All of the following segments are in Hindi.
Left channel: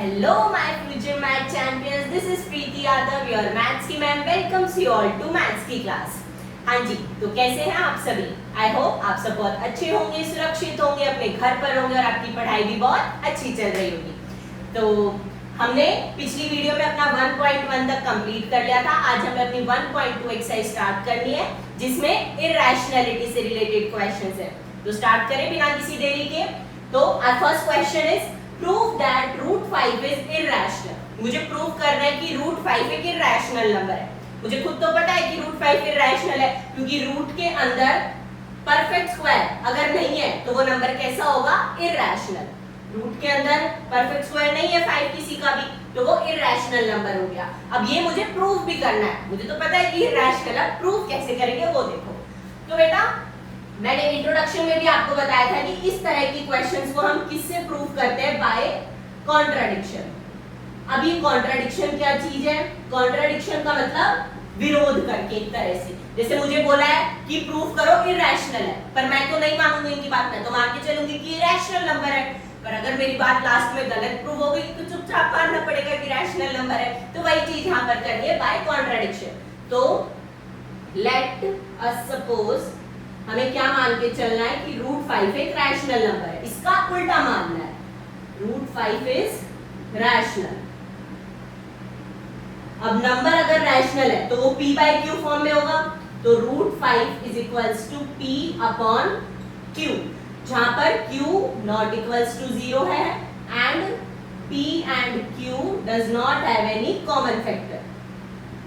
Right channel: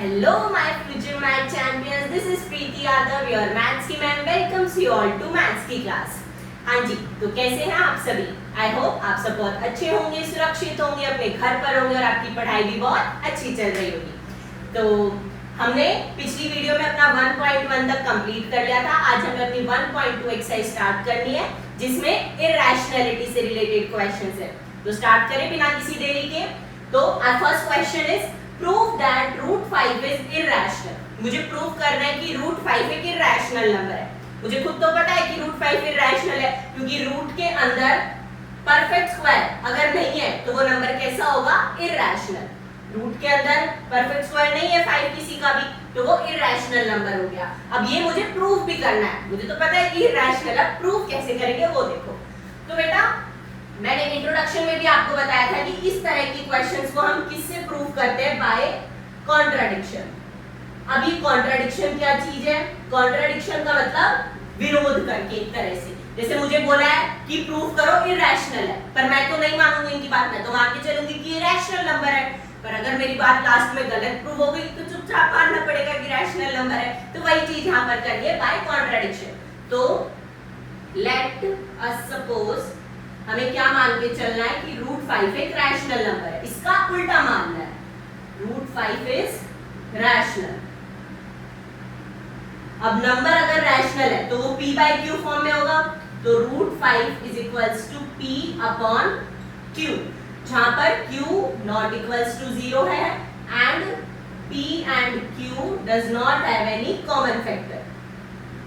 Hello my future math champions, this is Preeti Yadav, your maths की ma'am welcomes you all to maths की क्लास। हाँ जी, तो कैसे हैं आप सभी? आई होप आप सब बहुत अच्छे होंगे, सुरक्षित होंगे, अपने घर पर होंगे और आपकी पढ़ाई भी बहुत अच्छी चल रही होगी। तो हमने पिछली वीडियो में अपना 1.1 तक कंप्लीट कर लिया था। आज हमें अपनी 1.2 एक्सरसाइज स्टार्ट करनी है जिसमें इरैशनैलिटी से रिलेटेड क्वेश्चंस है। तो स्टार्ट करें बिना किसी देरी के। तो our first question is prove that root 5 is irrational. मुझे प्रूव करना है कि रूट 5 एक इरैशनल नंबर है। मुझे खुद तो पता है कि रूट 5 इरैशनल है क्योंकि रूट के अंदर परफेक्ट स्क्वायर अगर नहीं है तो वो नंबर कैसा होगा? इरैशनल। रूट के अंदर परफेक्ट स्क्वायर नहीं है 5 किसी का भी तो वो इरैशनल नंबर हो गया। अब ये मुझे प्रूव भी करना है। मुझे तो पता है कि इरैशनल है, प्रूव कैसे करेंगे वो देखो। तो बेटा मैंने इंट्रोडक्शन में भी आपको बताया था कि इस तरह की क्वेश्चंस को हम किससे प्रूव करते हैं? Bye contradiction. अभी कॉन्ट्राडिक्शन क्या चीज है? कॉन्ट्राडिक्शन का मतलब विरोध करके एक तरह से। जैसे मुझे बोला है कि प्रूव करो इरैशनल है, पर मैं तो नहीं मानूंगी इनकी बात, मैं तो मान के चलूंगी कि इरैशनल नंबर है। पर अगर मेरी बात लास्ट में गलत प्रूव हो गई तो चुपचाप मानना पड़ेगा कि रैशनल नंबर है। तो वही चीज यहां पर करनी है बाय कॉन्ट्राडिक्शन। तो लेट अस सपोज हमें क्या मान के चलना है कि रूट 5 एक रैशनल नंबर है। इसका उल्टा मानना है, रूट 5 इज रैशनल। अब नंबर अगर रैशनल है तो वो p बाय q फॉर्म में होगा। तो root 5 is equals to p upon q, जहां पर q नॉट इक्वल्स टू 0 है and p and q does not have any common factor,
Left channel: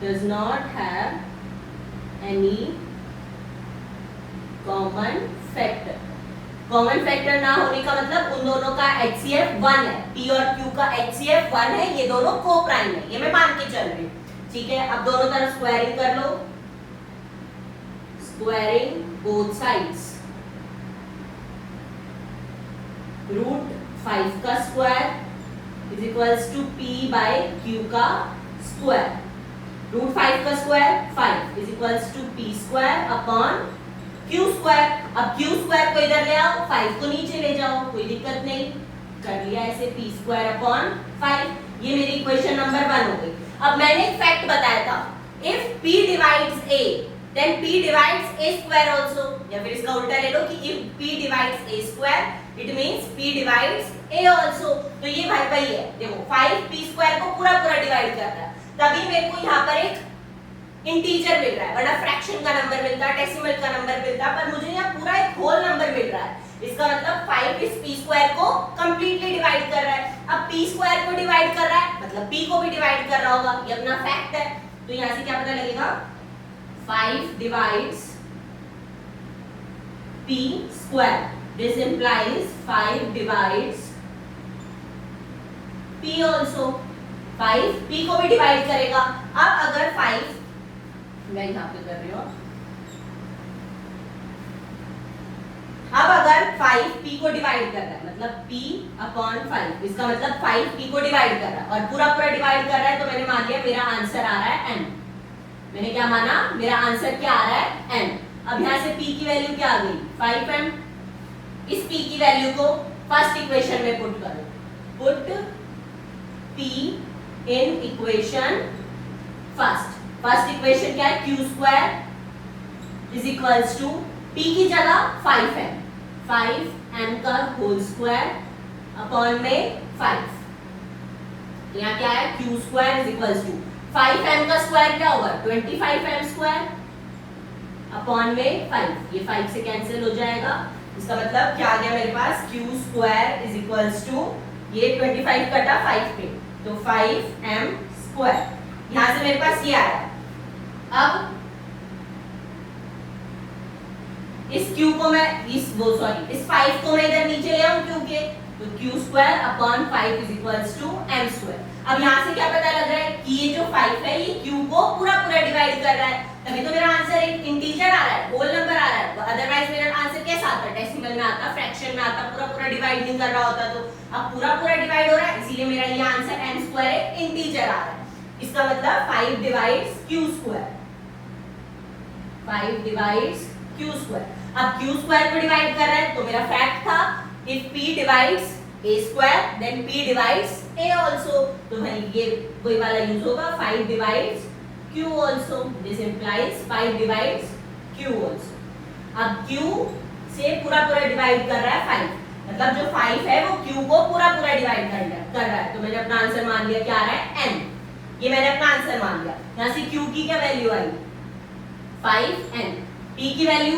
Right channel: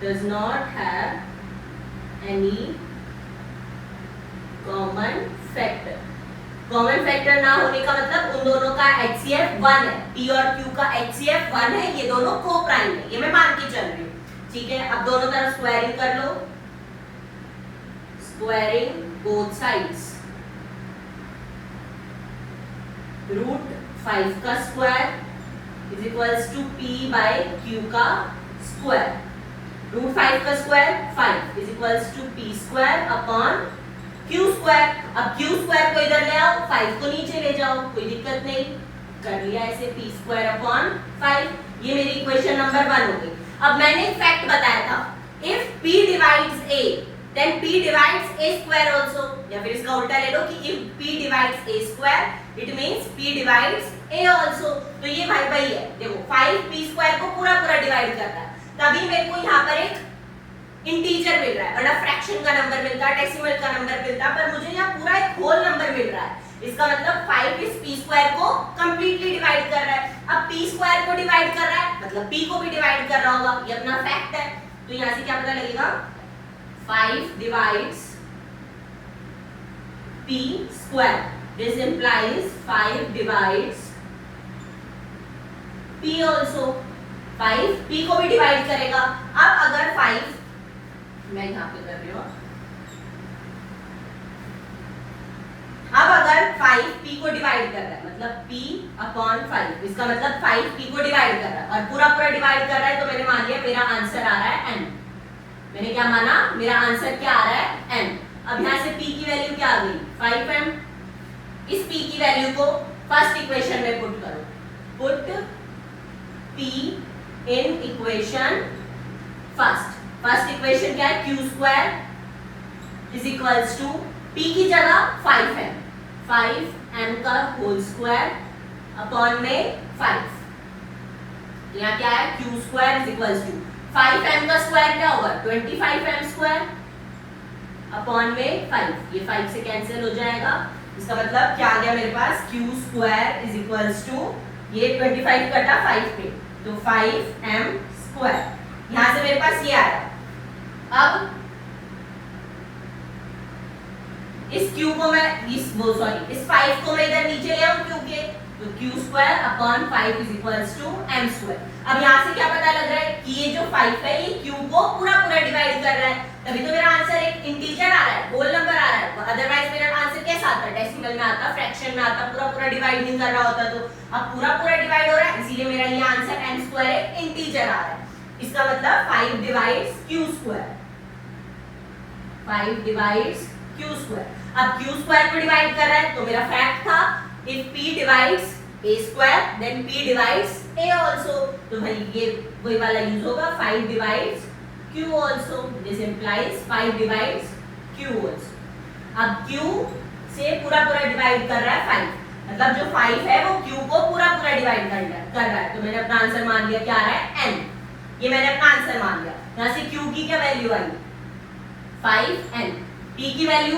does not have any common factor. Common factor ना होने का मतलब उन दोनों का HCF 1 है, P और Q का HCF 1 है, ये दोनों को प्राइम है, ये मैं मान के चल रही हूँ। ठीक है, अब दोनों तरफ स्क्वायरिंग कर लो, स्क्वायरिंग बोथ साइड्स। रूट 5 का square is equals to P by Q का स्क्वायर। रूट 5 का square 5 is equals to P square upon Q square. अब Q स्क्वायर को इधर ले आओ, 5 को नीचे ले जाओ, कोई दिक्कत नहीं, कर लिया ऐसे P स्क्वायर अपॉन 5। ये मेरी इक्वेशन नंबर 1 हो गई। अब मैंने एक फैक्ट बताया था, if P divides A then P divides A square also. या फिर इसका उल्टा ले लो कि if P divides A square it means P divides A also. तो ये भाई है, देखो 5 P स्क्वायर को पूरा डिवाइड कर रहा है, तभी मेरे को यहां पर एक इंटीजर मिल रहा है, वरना फ्रैक्शन का नंबर मिलता है, डेसिमल का नंबर मिलता है, पर मुझे यहाँ पूरा एक होल नंबर मिल रहा है। इसका मतलब 5 इस p स्क्वायर को कंप्लीटली डिवाइड कर रहा है। अब p स्क्वायर को डिवाइड कर रहा है मतलब p को भी डिवाइड कर रहा होगा, ये अपना फैक्ट है। तो यहाँ से क्या पता लगेगा? 5 divides p square, this implies 5 divides p also. 5 p को भी डिवाइड करेगा। अब अगर 5 मैं यहां पे कर रही हूं, अब अगर 5 p को डिवाइड कर रहा है मतलब p अपॉन 5, इसका मतलब 5 p को डिवाइड कर रहा है और पूरा डिवाइड कर रहा है, तो मैंने मान लिया मेरा आंसर आ रहा है n। मैंने क्या माना? मेरा आंसर क्या आ रहा है? n। अब यहां से p की वैल्यू क्या आ गई? 5m। इस p की वैल्यू को फर्स्ट इक्वेशन में पुट करो, put p in equation first. First equation क्या है? q square is equals to p की जगह 5m, 5m का होल स्क्वायर अपॉन में 5। यहाँ क्या है? q square is equals to 5m का स्क्वायर क्या होगा? 25m स्क्वायर अपॉन में 5। ये 5 से कैंसिल हो जाएगा। इसका मतलब क्या आ गया मेरे पास? q square is equals to ये 25 कटा 5 पे तो 5m स्क्वायर। यहां से मेरे पास ये आया। अब इस q को मैं इस 5 को मैं इधर नीचे ले आऊं q के, तो q square upon 5 is equals to m square. अब यहां से क्या पता लग रहा है कि ये जो 5 है ये q को पूरा डिवाइड कर रहा है, तभी तो मेरा आंसर एक इंटीजर आ रहा है, होल नंबर आ रहा है। अदरवाइज मेरा आंसर कैसा आता? डेसिमल में आता, फ्रैक्शन में आता, पूरा डिवाइड नहीं कर रहा होता। तो अब पूरा डिवाइड हो रहा है, इसीलिए मेरा ये आंसर m स्क्वायर एक इंटीजर आ रहा है। इसका मतलब 5 divides q square, 5 divides q square. अब q स्क्वायर को डिवाइड कर रहा है तो मेरा फैक्ट था if p divides a square, then p divides a also. तो भाई ये वही वाला यूज होगा, 5 divides q also. This implies 5 divides q also. अब q से पूरा डिवाइड कर रहा है 5, मतलब जो 5 है वो q को पूरा डिवाइड कर रहा है. तो मैंने अपना आंसर मान लिया, क्या आ रहा है n. ये मैंने अपना आंसर मान लिया. यहाँ से q की क्या वैल्यू आई 5n, p की वैल्यू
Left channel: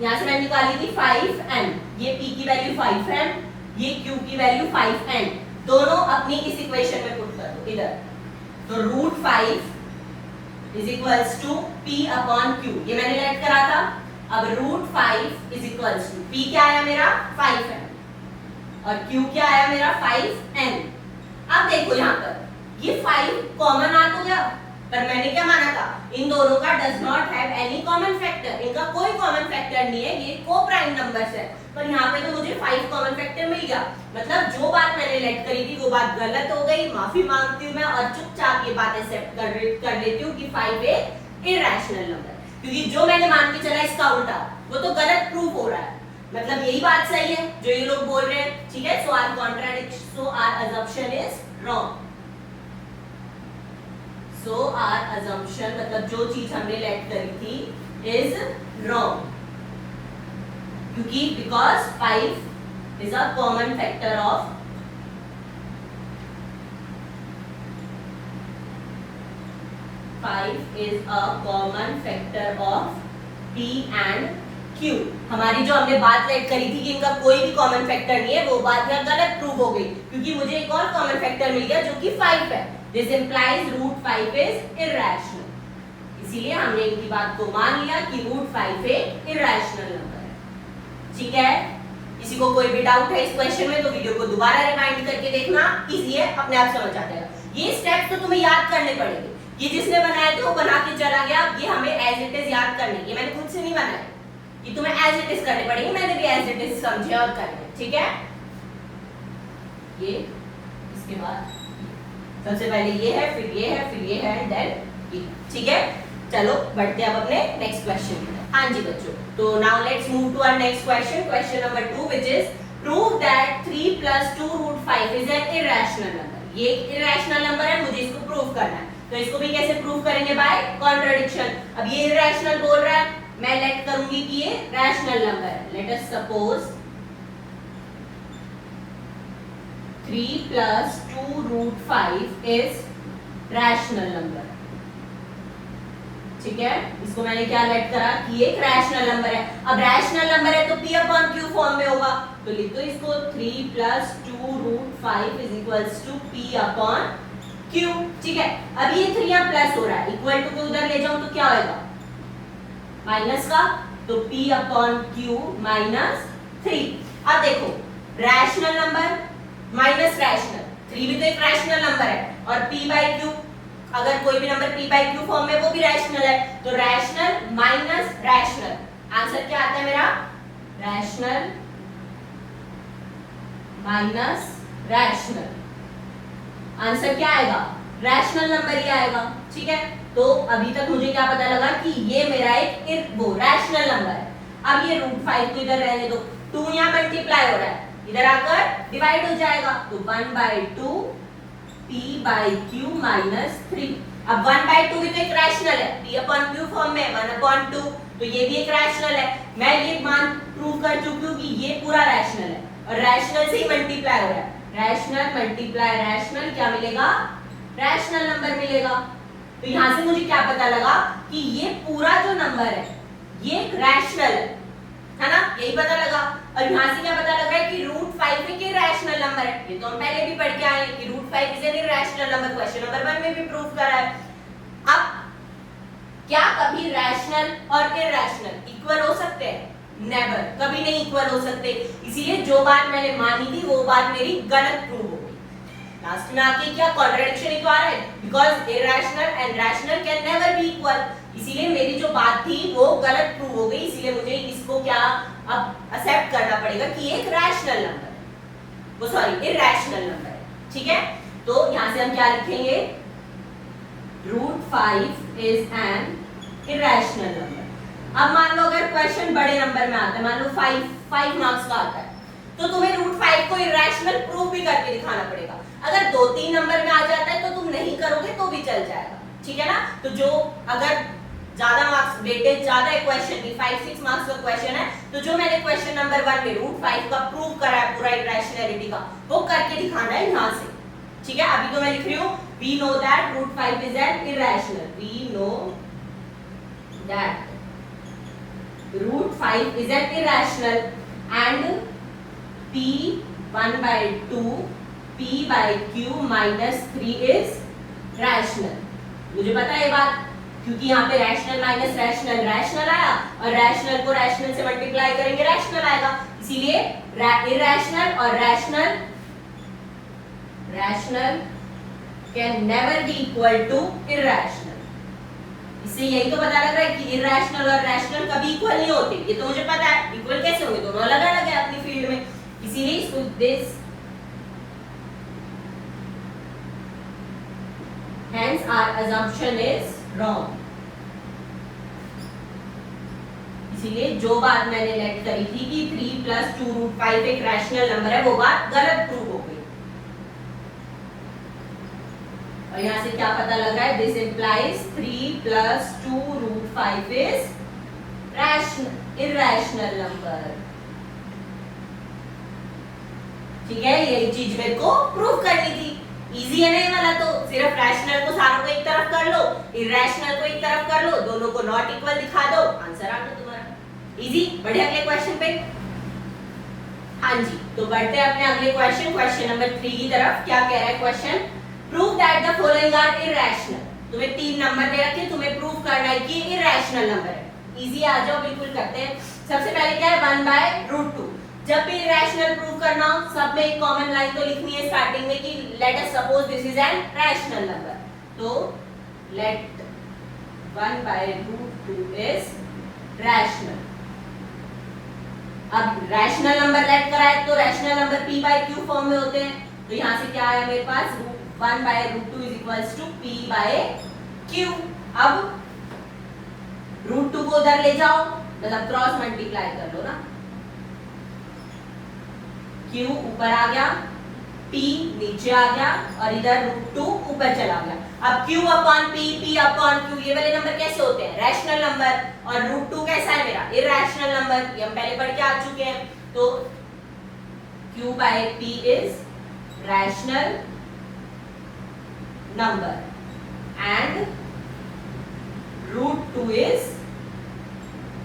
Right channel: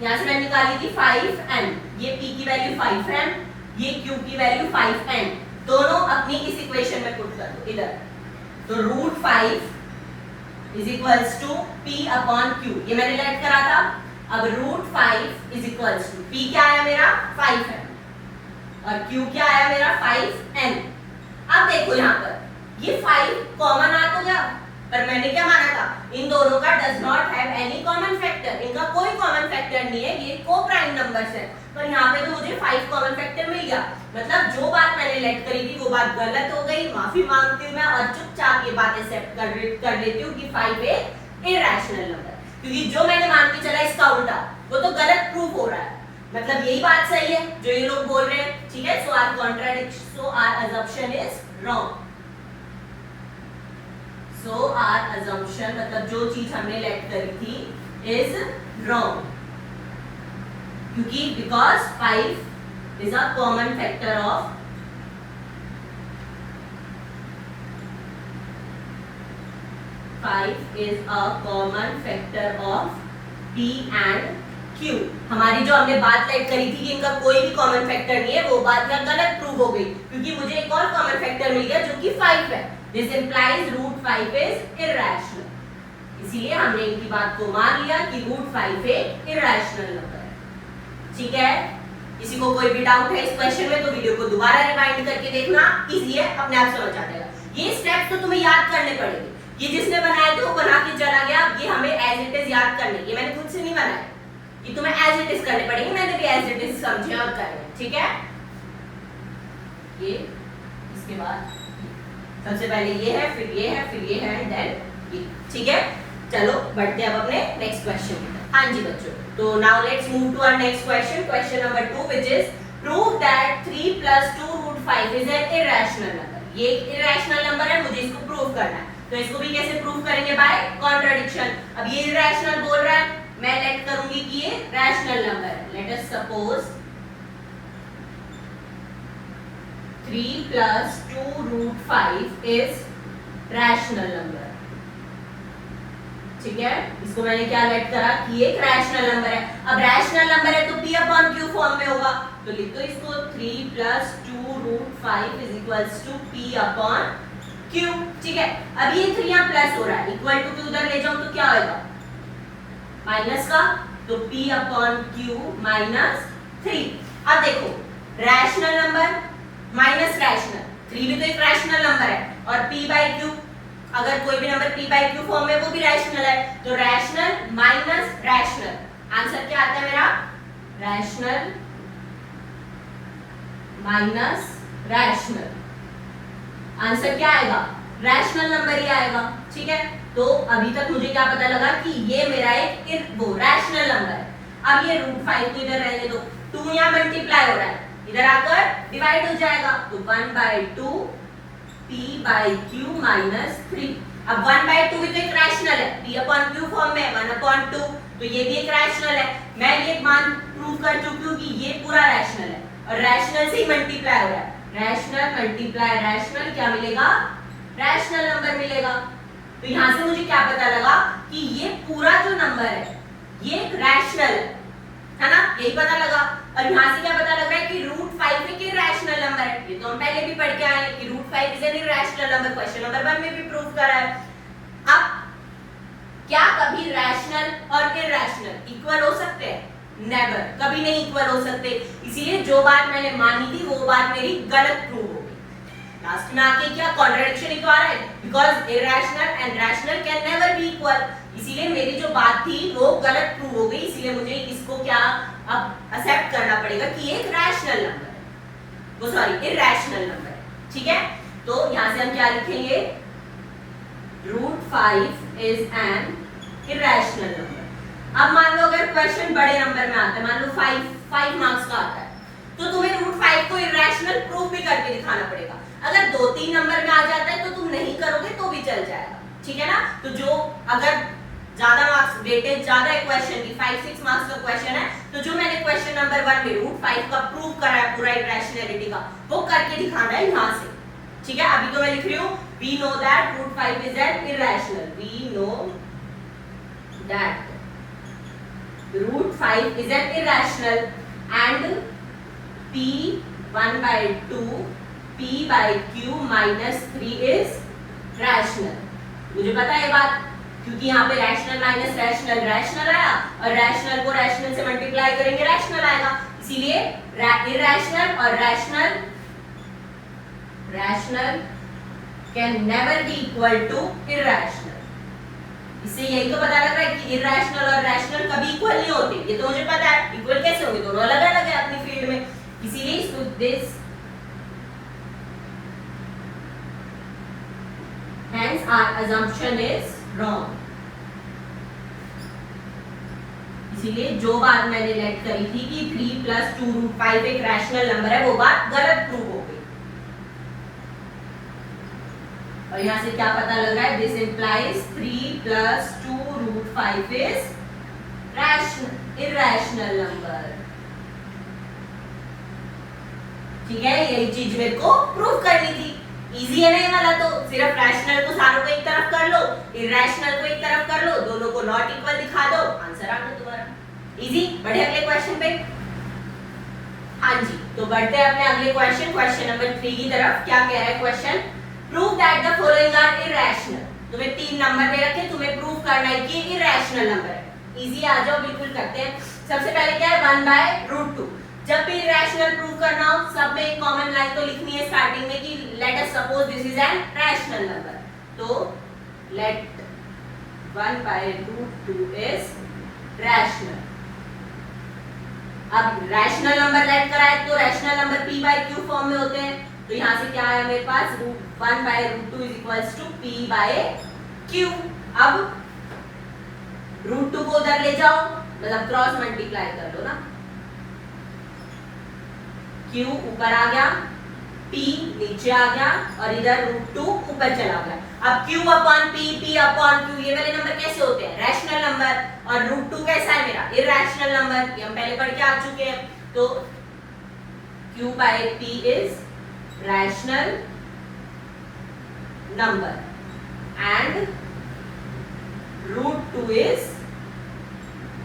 यहाँ से मैंने निकाली थी 5n, ये p की वैल्यू 5m, ये q की वैल्यू 5n. दोनों अपनी इस इक्वेशन में पुट कर दो इधर. तो √5 is equals to p upon q, ये मैंने लेट करा था. अब √5 इज इक्वल्स टू p क्या आया मेरा 5m और q क्या आया मेरा 5n. अब देखो यहाँ पर ये 5 कॉमन आ तो गया, पर मैंने क्या माना था, इन दोनों का does not have any common factor, इनका कोई कॉमन फैक्टर नहीं है, ये को प्राइम नंबर्स है. पर यहाँ पे तो मुझे 5 कॉमन फैक्टर मिल गया. मतलब जो बात मैंने लेट करी थी वो बात गलत हो गई, माफी मांगती हूँ मैं, और चुपचाप ये बात एक्सेप्ट कर लेती हूँ कि 5 एक इरैशनल नंबर, क्योंकि जो मैंने मान के चला इसका उल्टा वो तो गलत प्रूफ हो रहा है. मतलब यही बात सही है जो ये लोग बोल रहे हैं, ठीक है. So our assumption is wrong. So our assumption, मतलब जो चीज हमने लेट करी थी is wrong, क्योंकि because 5 is a common factor of 5 is a common factor of p and q. हमारी जो हमने बात लेट करी थी कि इनका कोई भी कॉमन फैक्टर नहीं है, वो बात यहाँ गलत प्रूव हो गई, क्योंकि मुझे एक और कॉमन फैक्टर मिल गया जो कि 5 है. This implies √5 is irrational. इसीलिए हमने इनकी बात को मान लिया कि √5 एक इरैशनल नंबर है. ठीक है. किसी को कोई भी डाउट है इस क्वेश्चन में तो वीडियो को दोबारा रिवाइंड करके देखना, इजी है, अपने आप समझ आ जाएगा. ये स्टेप तो तुम्हें याद करने पड़ेंगे. ये जिसने बनाए थे वो बना के चला गया, ये हमें एज इट इज याद करने, ये मैंने खुद से नहीं बनाया, ये तुम्हें एज इट इज करने पड़ेंगे. मैंने भी एज इट इज समझे और करे. ठीक है. ये इसके बाद सबसे पहले ये है, फिर ये है, फिर ये है, देन ये. ठीक है. चलो बढ़ते हैं अब अपने नेक्स्ट क्वेश्चन. हाँ जी बच्चों, तो now let's move to our next question, question number 2, which is prove that 3 + 2 √5 is an irrational number. ये एक इरैशनल नंबर है, मुझे इसको प्रूव करना है. तो इसको भी कैसे प्रूव करेंगे? By contradiction. अब ये इरैशनल बोल रहा है, मैं लेट करूंगी कि ये रैशनल नंबर है. Let us suppose 3 + 2 √5 is rational number. ठीक है. इसको मैंने क्या लेट करा कि एक रैशनल नंबर है. अब रैशनल नंबर है तो p अपॉन q फॉर्म में होगा, तो लिख दो इसको 3 + 2 √5 is equals to p upon q. ठीक है. अब ये 3 यहाँ प्लस हो रहा है, इक्वल टू के उधर ले जाऊं तो क्या होगा? माइनस का, तो p अपॉन q -3. अब देखो रैशनल नंबर माइनस रैशनल, 3 भी तो एक रैशनल नंबर है, और p/q, अगर कोई भी नंबर p/q फॉर्म में वो भी रैशनल है, तो रैशनल माइनस रैशनल, आंसर क्या आता है मेरा? Rational minus rational. आंसर क्या आएगा? रैशनल नंबर ही आएगा. ठीक है. तो अभी तक मुझे क्या पता लगा कि ये मेरा एक वो रैशनल नंबर है. अब ये √5 को इधर रहने दो, 2 यहाँ मल्टीप्लाई हो रहा है, इधर आकर डिवाइड हो जाएगा, तो 1/2 p/q -3. अब 1/2 भी तो एक रैशनल है, p अपॉन q फॉर्म में 1/2, तो ये भी एक रैशनल है. मैं ये मान प्रूव कर चुकी हूँ कि ये पूरा रैशनल है, और रैशनल से ही मल्टीप्लाई हो रहा है. रैशनल मल्टीप्लाई रैशनल, क्या मिलेगा? रैशनल नंबर मिलेगा. तो यहाँ से मुझे क्या पता लगा कि ये पूरा जो नंबर है ये एक रैशनल है ना, यही पता लगा. और यहाँ से क्या पता लग रहा है कि √5 एक इरैशनल नंबर है. ये तो हम पहले भी पढ़ के आए हैं कि √5 is an irrational number, question number 1 में भी प्रूव करा है. अब क्या कभी रैशनल और इरैशनल इक्वल हो सकते हैं? नेवर, कभी नहीं इक्वल हो सकते. इसीलिए जो बात मैंने मानी थी वो बात मेरी गलत प्रूव हो गई. लास्ट में आके क्या कॉन्ट्रडिक्शन ही तो आ रहा है, because irrational and rational can never be equal. इसीलिए मेरी जो बात थी वो गलत प्रूव हो गई. इसीलिए मुझे इसको क्या अब एक्सेप्ट करना पड़ेगा कि एक रैशनल नंबर है, वो सॉरी इरैशनल नंबर है. ठीक है. तो यहाँ से हम क्या लिखेंगे? √5 इज एन इरैशनल नंबर. अब मान लो अगर क्वेश्चन बड़े नंबर में आता है, मान लो 5 मार्क्स का आता है, तो तुम्हें रूट 5 को इरेशनल प्रूव भी करके दिखाना पड़ेगा। अगर 2-3 नंबर में आ जाता है तो तुम नहीं करोगे तो भी चल जाएगा, ठीक है ना। तो जो अगर ज्यादा मार्क्स वेटेज ज्यादा है क्वेश्चन की, 5-6 मार्क्स का क्वेश्चन है, तो जो मैंने क्वेश्चन नंबर 1 में रूट 5 का प्रूव करा है पूरा इरेशनैलिटी का, वो करके दिखाना है यहां से, ठीक है। अभी तो मैं लिख रही हूं we know that root 5 is an irrational, we know that root 5 is an irrational and p 1 by 2 p by q minus 3 is rational। मुझे पता है ये बात, क्योंकि यहाँ पे रैशनल माइनस रैशनल रैशनल आया, और रैशनल को रैशनल से मल्टीप्लाई करेंगे रैशनल आएगा, इसीलिए इरेशनल और rational can never be equal to irrational. इससे यही तो पता लग रहा है कि इरेशनल और रैशनल कभी इक्वल नहीं होते, ये तो मुझे पता है। इक्वल कैसे होंगे, दोनों अलग अलग है अपनी फील्ड में, इसीलिए this hence our assumption is wrong। इसीलिए जो बात मैंने लेट करी थी कि 3 + 2 रूट 5 एक रैशनल नंबर है, वो बात गलत प्रूव हो गई। और यहां से क्या पता लगा है, this implies 3 + 2 root 5 is irrational number, ठीक है। यही चीज मेरे को प्रूव करनी थी। इजी है नहीं वाला, तो सिर्फ रैशनल को सारों को एक तरफ कर लो, इरेशनल को एक तरफ कर लो, दोनों को नॉट इक्वल दिखा दो, आंसर आ गया तुम्हारा। इजी। बढ़े अगले क्वेश्चन पे। हाँ जी, तो बढ़ते हैं अपने अगले क्वेश्चन नंबर 3 की तरफ। क्या कह रहा है question, prove that the following are irrational. तुम्हें 3 नंबर दे रखे, तुम्हें प्रूव करना है कि इरेशनल नंबर है। इजी, आ जाओ, बिल्कुल करते हैं। सबसे पहले क्या है, 1/√2। जब भी इरेशनल प्रूव करना हो, सब में एक कॉमन लाइन तो लिखनी है स्टार्टिंग में कि let us suppose this is an rational number, तो लेट 1/√2 इज रैशनल। अब रैशनल नंबर लेट करा है तो रैशनल नंबर p/q फॉर्म में होते हैं, तो यहां से क्या है मेरे पास, 1/√2 इज इक्वल्स टू p/q। अब √2 को उधर ले जाओ, मतलब क्रॉस मल्टीप्लाई कर लो ना, q ऊपर आ गया, p नीचे आ गया, और इधर √2 ऊपर चला गया। अब q upon p, p upon q, ये वाले नंबर कैसे होते हैं, रैशनल नंबर, और √2 कैसा है मेरा, इरेशनल नंबर, ये हम पहले पढ़ के आ चुके हैं। तो q/p is rational number and √2 is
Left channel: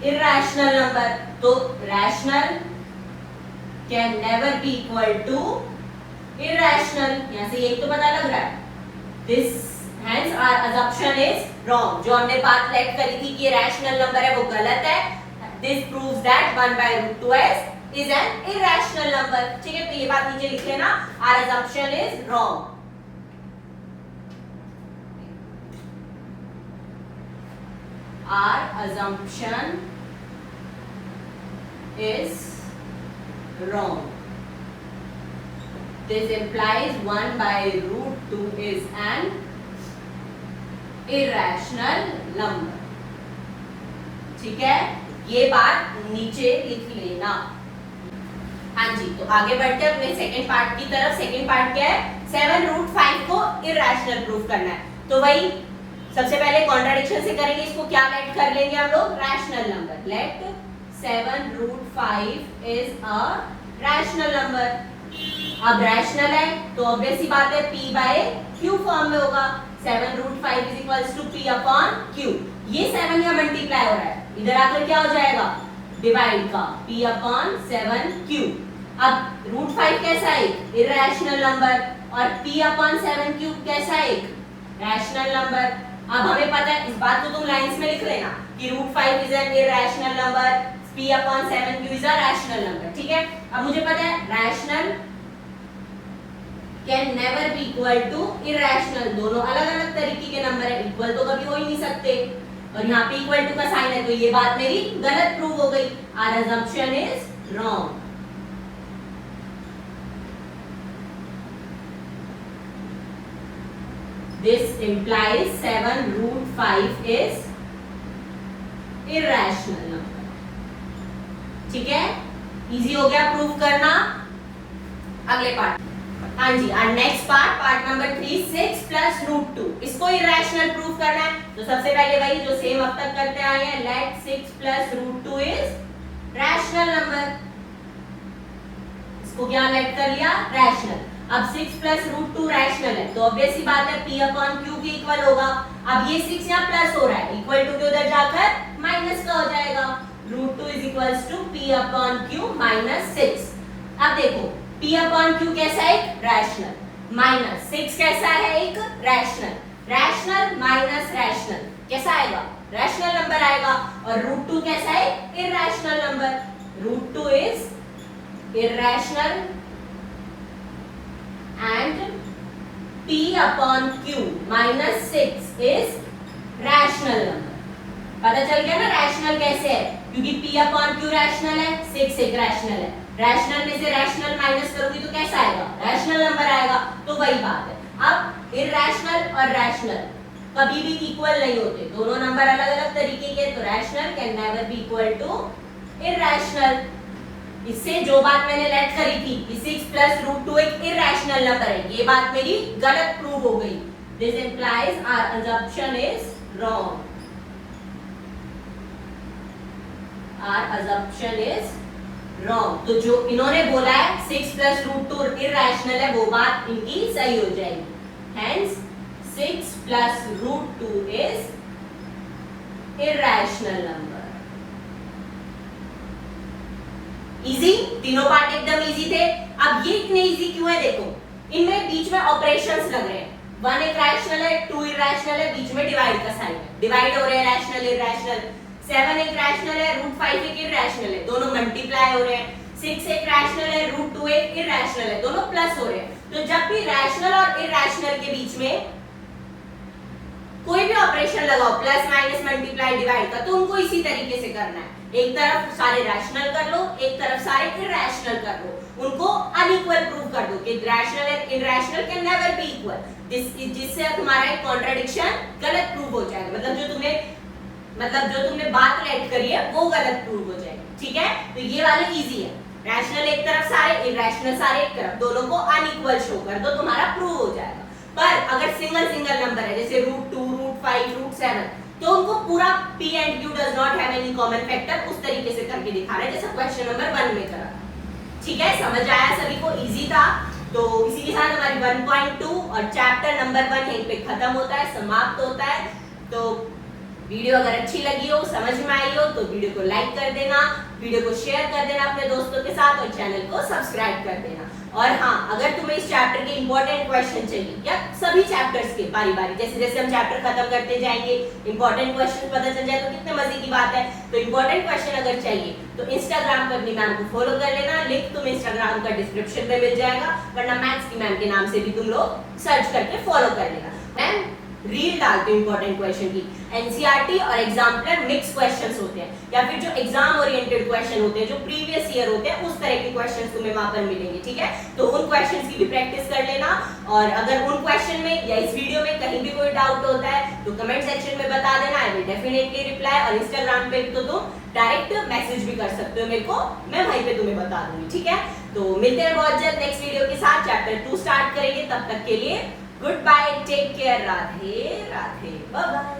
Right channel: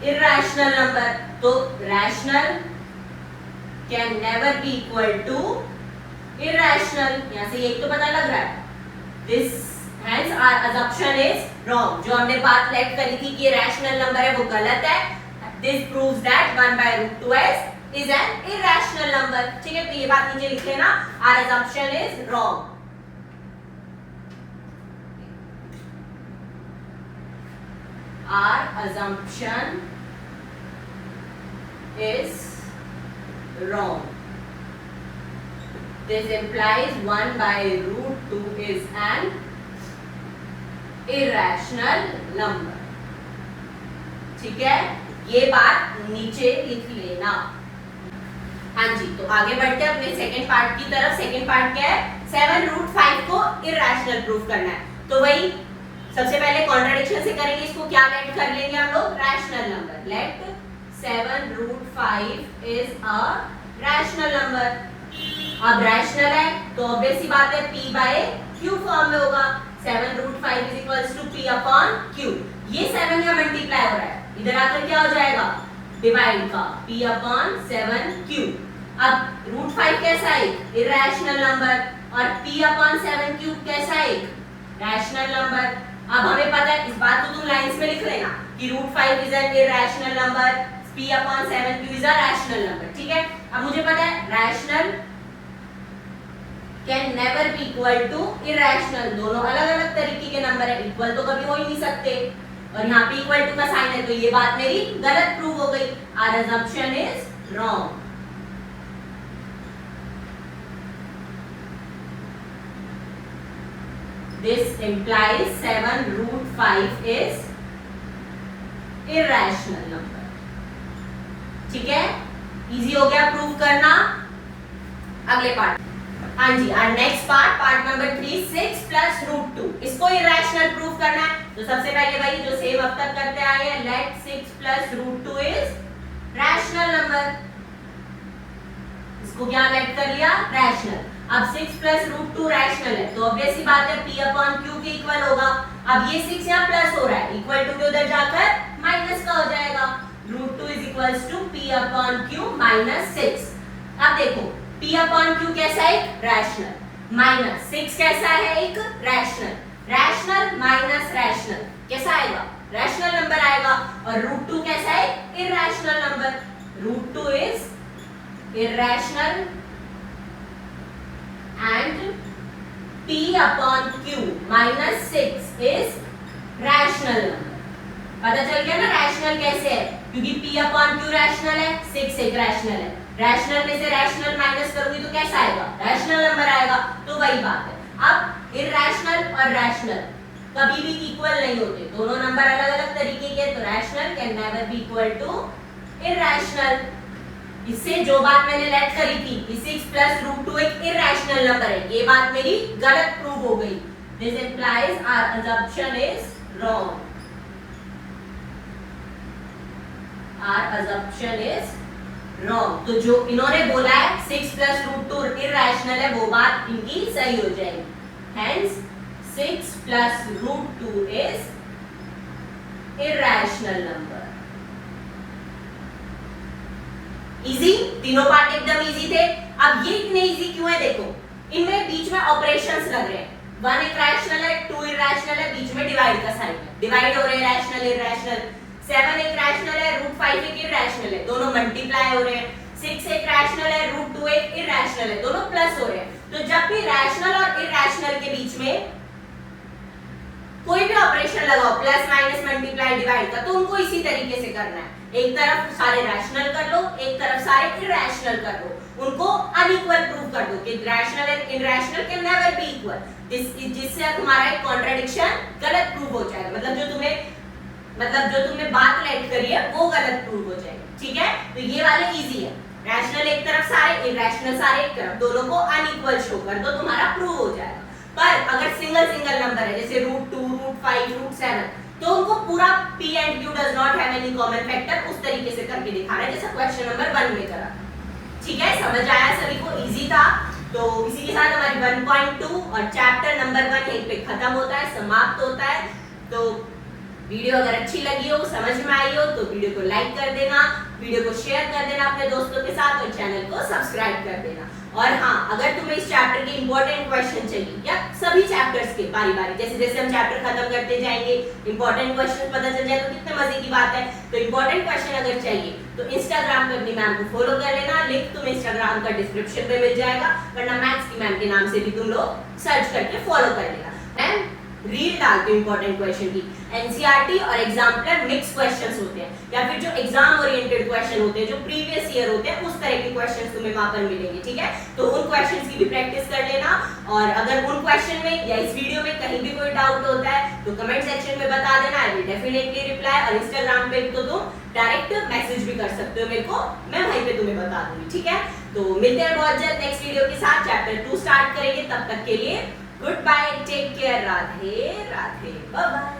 irrational number, तो rational can never be equal to irrational। यहां से एक तो पता लग रहा है, this hence our assumption is wrong। जो हमने बात लेट करी थी कि rational number है वो गलत है। this proves that 1/√2 is an irrational number, ठीक है। तो ये बात नीचे लिख लेना, our assumption is wrong। our assumption is wrong। this implies 1/√2 is an irrational number, ठीक है। ये बात नीचे लिख लेना। हाँ जी, तो आगे बढ़ते हैं अपने सेकंड पार्ट की तरफ। सेकंड पार्ट क्या है, 7√5 को इरेशनल प्रूफ करना है। तो वही सबसे पहले कॉन्ट्राडिक्शन से करेंगे, इसको क्या लेट कर लेंगे हम लोग, rational number. Let 7√5 is a rational number. अब रैशनल है तो ऑब्वियस सी बात है p/q फॉर्म में होगा। 7√5 is equals to p upon q। ये 7 यहाँ मल्टीप्लाई हो रहा है, इधर आकर क्या हो जाएगा, डिवाइड का p अपॉन 7q। अब √5 कैसा है, इरेशनल नंबर, और p अपॉन 7q कैसा है, रैशनल नंबर। अब हमें पता है, इस बात को तुम लाइंस में लिख लेना कि √5 is an irrational number, p upon 7q is a rational number, ठीक है। अब मुझे पता है rational can never be equal to irrational. दोनों अलग अलग तरीके के नंबर है, इक्वल तो कभी हो ही नहीं सकते, और यहाँ पे इक्वल टू का साइन है, तो ये बात मेरी गलत प्रूव हो गई। Our assumption is wrong. This implies 7√5 is irrational number, ठीक है। इजी हो गया प्रूव करना। अगले पार्ट, हाँ जी, और next part number 3, 6 plus root 2, इसको इरेशनल प्रूव करना है। तो सबसे पहले वही जो सेम अब तक करते आए हैं, let 6 plus root 2 is rational number. इसको क्या लेट कर लिया, रैशनल। अब 6 प्लस रूट 2 रैशनल है, तो ऑब्वियस सी बात है p अपॉन q के इक्वल होगा। अब ये 6 यहाँ प्लस हो रहा है, इक्वल टू के उधर जाकर माइनस का हो जाएगा। Root 2 is equals to p upon q minus 6। अब देखो p अपॉन q कैसा है, एक रैशनल, माइनस 6 कैसा है, एक रैशनल। रैशनल माइनस रैशनल कैसा आएगा, रैशनल नंबर आएगा। और रूट 2 कैसा है, irrational number. Root 2 is irrational and p upon q minus 6 is rational number। पता चल गया ना रैशनल कैसे है, क्योंकि p upon q रैशनल है, 6 एक रैशनल है। रैशनल में से रैशनल माइनस करोगी तो कैसा आएगा, रैशनल नंबर आएगा। तो वही बात है। अब इरैशनल और रैशनल कभी भी इक्वल नहीं होते, दोनों नंबर अलग अलग तरीके के। तो rational can never be equal to irrational. इससे जो बात मैंने लेट करी थी कि 6 प्लस रूट 2 एक इरैशनल नंबर है, ये बात मेरी गलत प्रूव हो गई। This implies our assumption is wrong. Our assumption is wrong. तो जो इन्होंने बोला है 6 प्लस रूट 2 इरैशनल है, वो बात इनकी सही हो जाएगी। Hence 6 plus root 2 is irrational number. Easy, तीनों पार्ट एकदम इजी थे। अब ये इतने इजी क्यों है, देखो इनमें बीच में ऑपरेशंस लग रहे हैं। 1 एक रैशनल है, 2 इरैशनल है, बीच में डिवाइड का साइन है, डिवाइड हो रहे हैं रैशनल इरैशनल। 7 एक रैशनल है, रूट 5 एक इरैशनल है, दोनों मल्टीप्लाई हो रहे हैं। 6 एक रैशनल है, रूट 2 एक इरैशनल है, दोनों प्लस हो रहे हैं। तो जब भी रैशनल और इरैशनल के बीच में कोई भी ऑपरेशन लगाओ, प्लस माइनस मल्टीप्लाई डिवाइड का, तो उनको इसी तरीके से करना है। एक तरफ सारे रैशनल कर लो, एक तरफ सारे इरैशनल कर लो, उनको अनइक्वल प्रूव कर दो कि rational and irrational can never be equal. जिससे तुम्हारा एक कॉन्ट्रडिक्शन गलत प्रूव हो जाएगा, मतलब जो तुमने बात लेट करी है वो गलत प्रूव हो जाएगी। ठीक है, तो ये वाले इजी है। रैशनल एक तरफ सारे, इरैशनल सारे एक तरफ, दोनों को अनइक्वल शो कर दो, तुम्हारा प्रूव हो जाएगा। पर अगर सिंगल सिंगल नंबर है, जैसे रूट 2, रूट 5, रूट 7, तो उनको पूरा p and q does not have any common factor उस तरीके से करके दिखाना है, जैसा क्वेश्चन नंबर 1 में करा। ठीक है, समझ आया सभी को, इजी था। तो इसी के साथ हमारी 1.2 और चैप्टर नंबर 1 यहीं पे खत्म होता है, समाप्त होता है। तो वीडियो अगर अच्छी लगी हो, समझ में आई हो, तो वीडियो को लाइक कर देना, वीडियो को शेयर कर देना अपने दोस्तों के साथ और चैनल को सब्सक्राइब कर देना। और हाँ, अगर तुम्हें इस चैप्टर के इंपॉर्टेंट क्वेश्चन चाहिए या सभी चैप्टर्स के बारी बारी, जैसे जैसे हम चैप्टर खत्म करते जाएंगे इंपॉर्टेंट क्वेश्चन पता चल जाए तो कितने मजे की बात है। तो इंपॉर्टेंट क्वेश्चन अगर चाहिए तो इंस्टाग्राम पे अपनी मैम को फॉलो कर लेना, लिंक तुम्हें इंस्टाग्राम का डिस्क्रिप्शन में मिल जाएगा, वरना मैथ्स की मैम के नाम से भी तुम लोग सर्च करके फॉलो कर लेना। मैम रील डालते इंपॉर्टेंट क्वेश्चन की, एनसीईआरटी और एग्जाम्पलर मिक्स क्वेश्चंस होते हैं, या फिर जो एग्जाम ओरिएंटेड क्वेश्चन होते हैं, जो प्रीवियस ईयर होते हैं, उस तरह के क्वेश्चंस तुम्हें वहां पर मिलेंगे। ठीक है, तो उन क्वेश्चंस की भी प्रैक्टिस कर लेना। और अगर उन क्वेश्चन में या इस वीडियो में कहीं भी कोई डाउट होता है तो कमेंट सेक्शन में बता देना, आई विल डेफिनेटली रिप्लाई। और इंस्टाग्राम पे तो तुम डायरेक्ट मैसेज भी कर सकते हो मेरे को, मैं वहीं पे तुम्हें बता दूंगी। ठीक है, तो मिलते हैं बहुत जल्द नेक्स्ट वीडियो के साथ। चैप्टर 2 स्टार्ट करेंगे, तब तक के लिए goodbye, take care, Radhe Radhe, bye bye.